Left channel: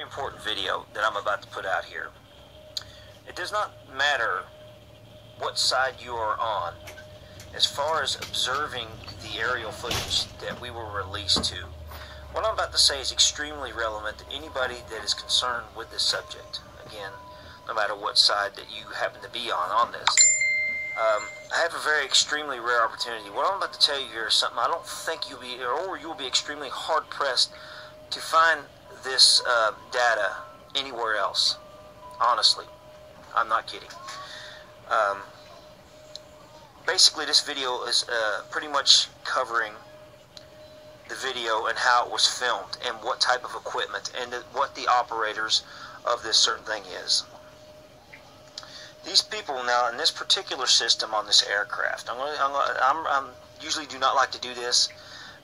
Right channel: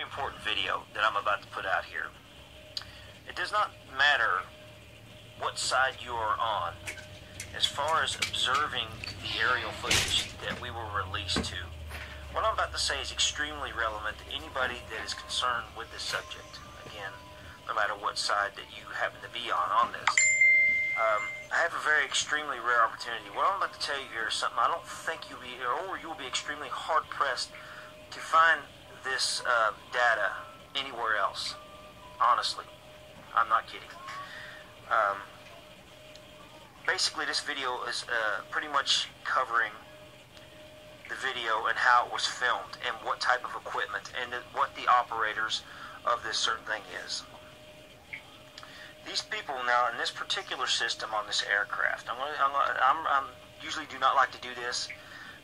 very important video that I'm about to put out here. It does not matter what side you are on as far as observing the aerial footage that we were released to. What I'm about to say is extremely relevant to anybody that is concerned with this subject. Again, no matter what side that you happen to be on this. I have a very extremely rare opportunity. What I'm about to tell you here is something I don't think you'll be extremely hard pressed to find this data anywhere else. Honestly, I'm not kidding. Basically, this video is pretty much covering the video and how it was filmed and what type of equipment and what the operators of this certain thing is. These people now in this particular system on this aircraft, I'm usually do not like to do this,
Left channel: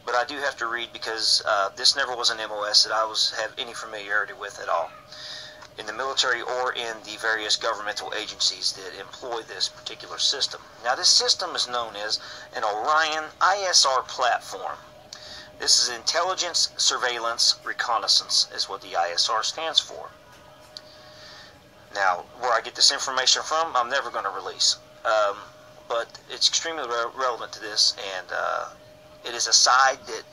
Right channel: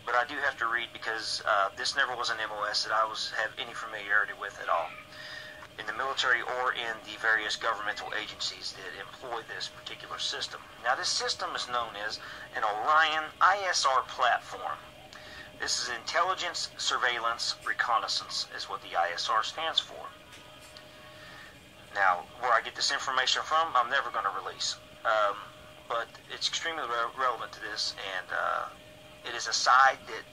but I do have to read because this never was an MOS that I have any familiarity with at all in the military or in the various governmental agencies that employ this particular system. Now, this system is known as an Orion ISR platform. This is Intelligence, Surveillance, Reconnaissance is what the ISR stands for. Now, where I get this information from, I'm never going to release. But it's extremely relevant to this, and it is a side that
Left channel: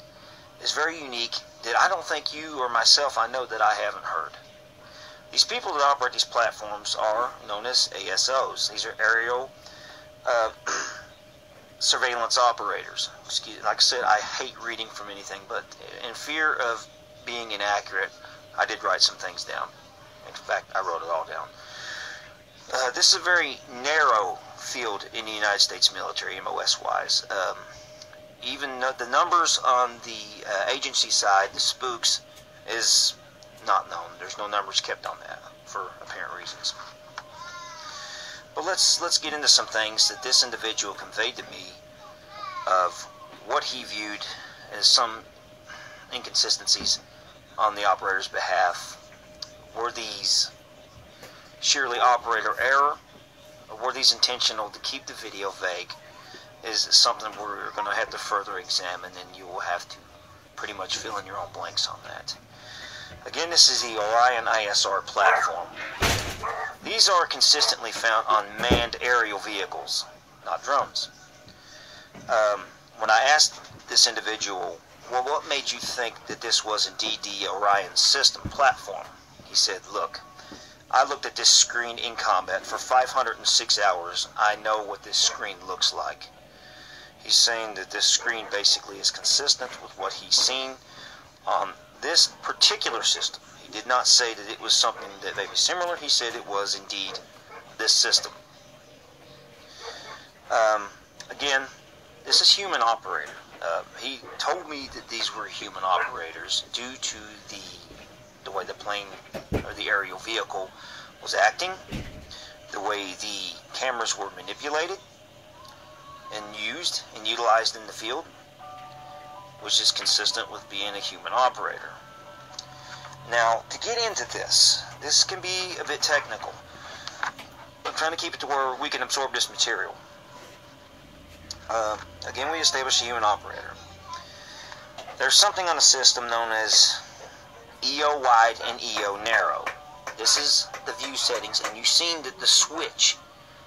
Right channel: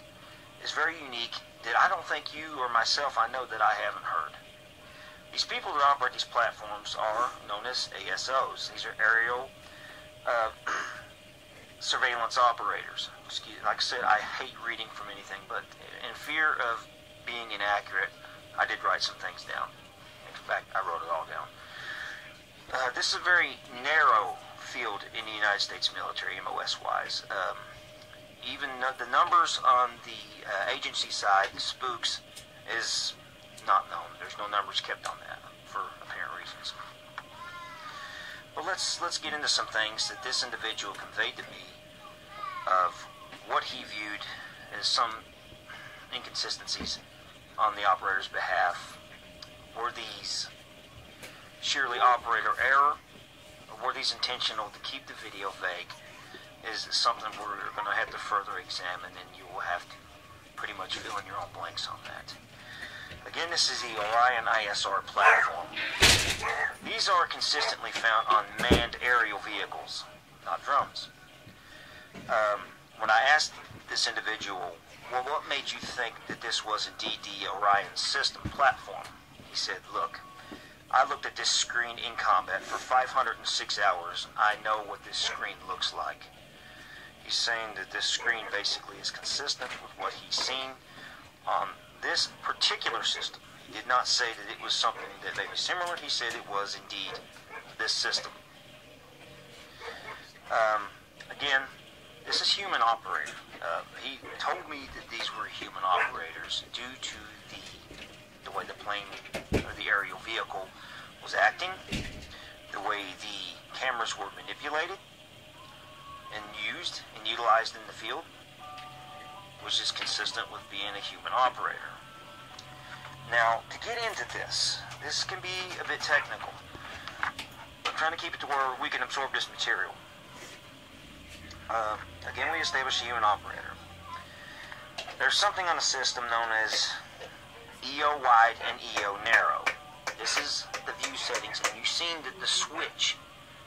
is very unique that I don't think you or myself, I know that I haven't heard. These people that operate these platforms are known as ASOs. These are aerial surveillance operators. Like I said, I hate reading from anything, but in fear of being inaccurate, I did write some things down. In fact, I wrote it all down. This is a very narrow field in the United States military, MOS-wise. Even the numbers on the agency side, the spooks, is not known. There's no numbers kept on that for apparent reasons. But let's get into some things that this individual conveyed to me of what he viewed as some inconsistencies on the operator's behalf. Were these surely operator error, or were these intentional to keep the video vague? Is something we're going to have to further examine, and you will have to pretty much fill in your own blanks on that. Again, this is the Orion ISR platform. These are consistently found on manned aerial vehicles, not drones. When I asked this individual, well, what made you think that this was indeed the Orion system platform? He said, look, I looked at this screen in combat for 506 hours. I know what this screen looks like. He's saying that this screen basically is consistent with what he's seen on this particular system. He did not say that it was something that may be similar. He said it was indeed this system. Again, this is human operator. He told me that these were human operators due to the way the plane or the aerial vehicle was acting, the way the cameras were manipulated and used and utilized in the field, which is consistent with being a human operator. Now, to get into this can be a bit technical. I'm trying to keep it to where we can absorb this material. Again, we established a human operator. There's something on the system known as EO wide and EO narrow. This is the view settings, and you've seen the switch.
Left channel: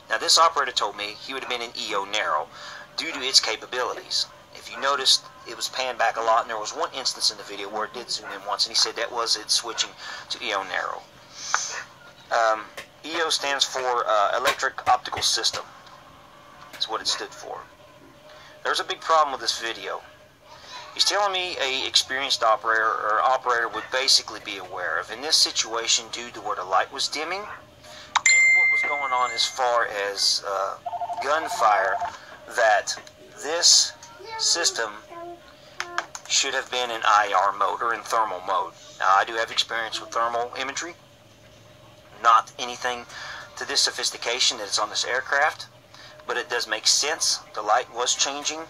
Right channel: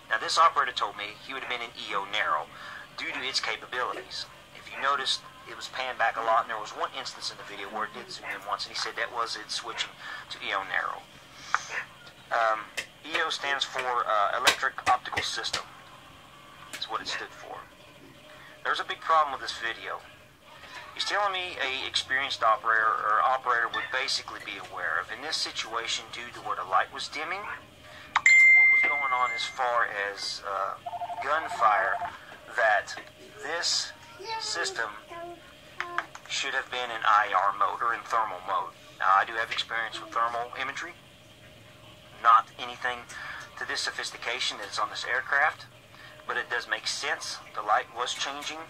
Now, this operator told me he would have been in EO narrow due to its capabilities. If you noticed, it was panned back a lot, and there was one instance in the video where it did zoom in once, and he said that was it switching to EO narrow. EO stands for Electric Optical System. That's what it stood for. There's a big problem with this video. He's telling me a experienced operator or operator would basically be aware of in this situation due to where the light was dimming and what was going on as far as gunfire, that this system should have been in IR mode or in thermal mode. Now, I do have experience with thermal imagery, not anything to this sophistication that is on this aircraft, but it does make sense. The light was changing.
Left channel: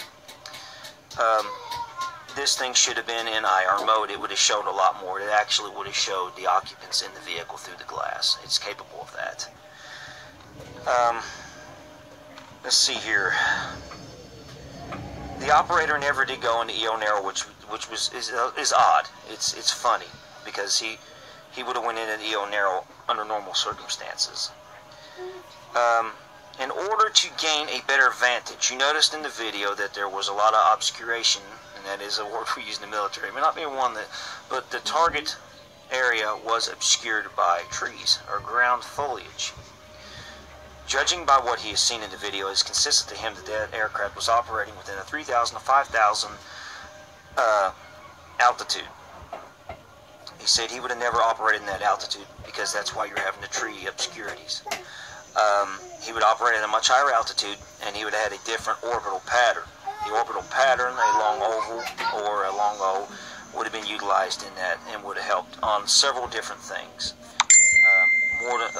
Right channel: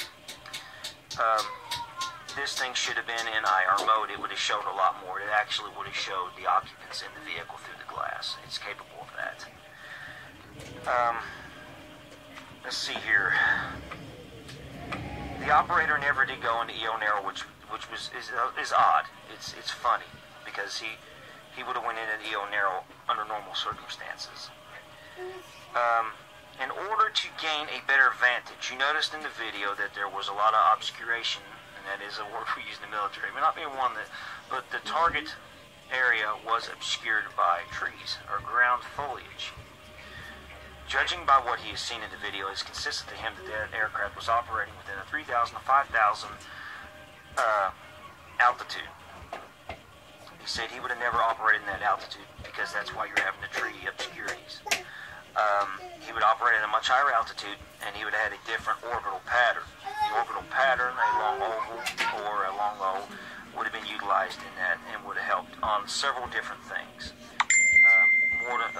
This thing should have been in IR mode. It would have showed a lot more. It actually would have showed the occupants in the vehicle through the glass. It's capable of that. Let's see here. The operator never did go into EO narrow, which is odd. It's funny because he he would have went in at EO narrow under normal circumstances. In order to gain a better vantage, you noticed in the video that there was a lot of obscuration, and that is a word we use in the military. It may not be one that, but the target area was obscured by trees or ground foliage. Judging by what he has seen in the video, it's consistent to him that that aircraft was operating within a 3,000 to 5,000 altitude. He said he would have never operated in that altitude because that's why you're having the tree obscurities. He would operate at a much higher altitude, and he would have had a different orbital pattern. The orbital pattern, a long oval or a long O, would have been utilized in that and would have helped on several different things.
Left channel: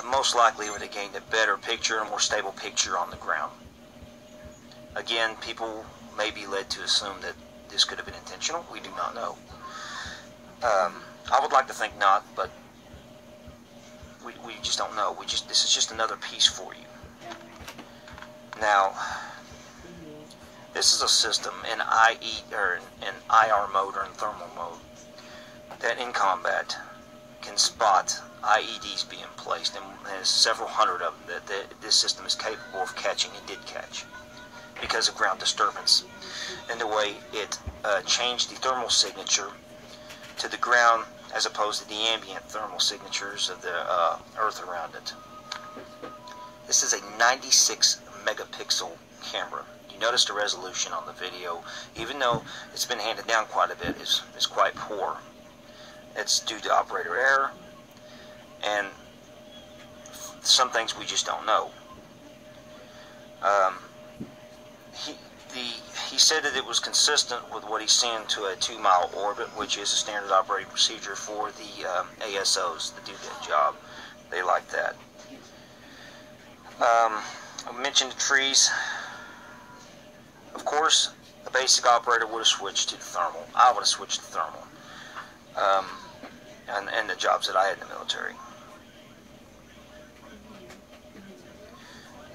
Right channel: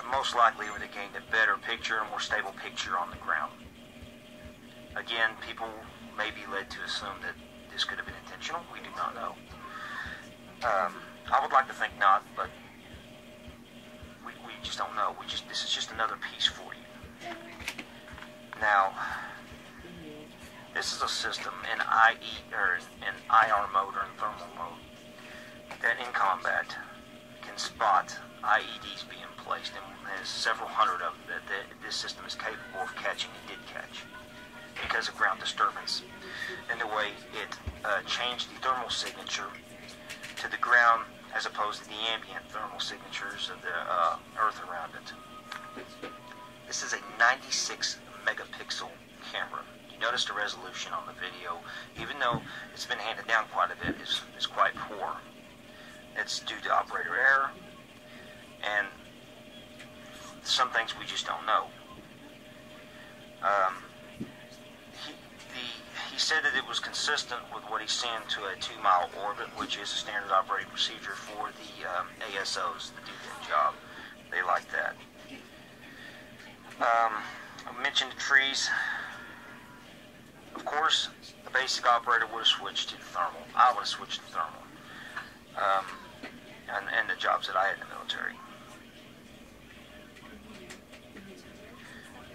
Most likely would have gained a better picture, a more stable picture on the ground. Again, people may be led to assume that this could have been intentional. We do not know. I would like to think not, but we just don't know. This is just another piece for you. Now, this is a system in IR mode or in thermal mode that in combat can spot IEDs being placed, and there's several hundred of them that this system is capable of catching and did catch because of ground disturbance and the way it changed the thermal signature to the ground as opposed to the ambient thermal signatures of the earth around it. This is a 96 megapixel camera. You notice the resolution on the video, even though it's been handed down quite a bit, is quite poor. It's due to operator error and some things we just don't know. He said that it was consistent with what he's seeing to a 2-mile orbit, which is a standard operating procedure for the ASOs that do that job. They like that. I mentioned the trees. Of course, a basic operator would have switched to the thermal. I would have switched to thermal. And the jobs that I had in the military.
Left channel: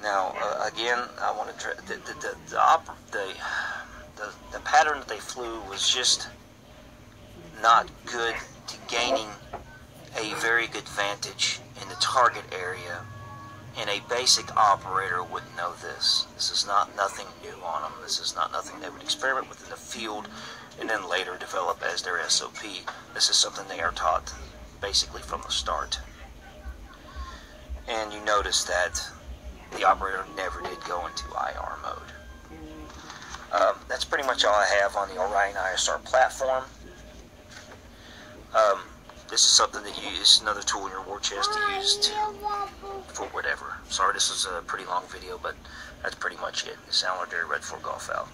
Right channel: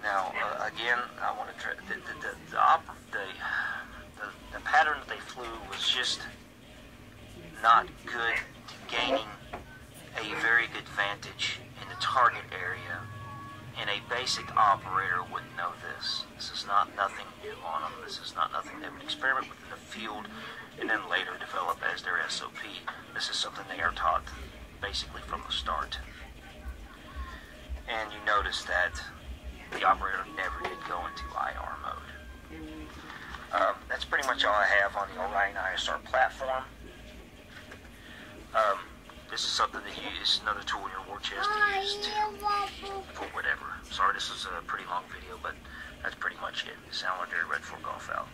Now, again, I want to try the pattern that they flew was just not good to gaining a very good vantage in the target area, and a basic operator would know this. This is not nothing new on them. This is not nothing they would experiment with in the field and then later develop as their SOP. This is something they are taught basically from the start. And you notice that the operator never did go into IR mode. That's pretty much all I have on the Orion ISR platform. This is something that you use, another tool in your war chest to use for whatever. Sorry, this is a pretty long video, but that's pretty much it. Sound like Red 4 Golf out.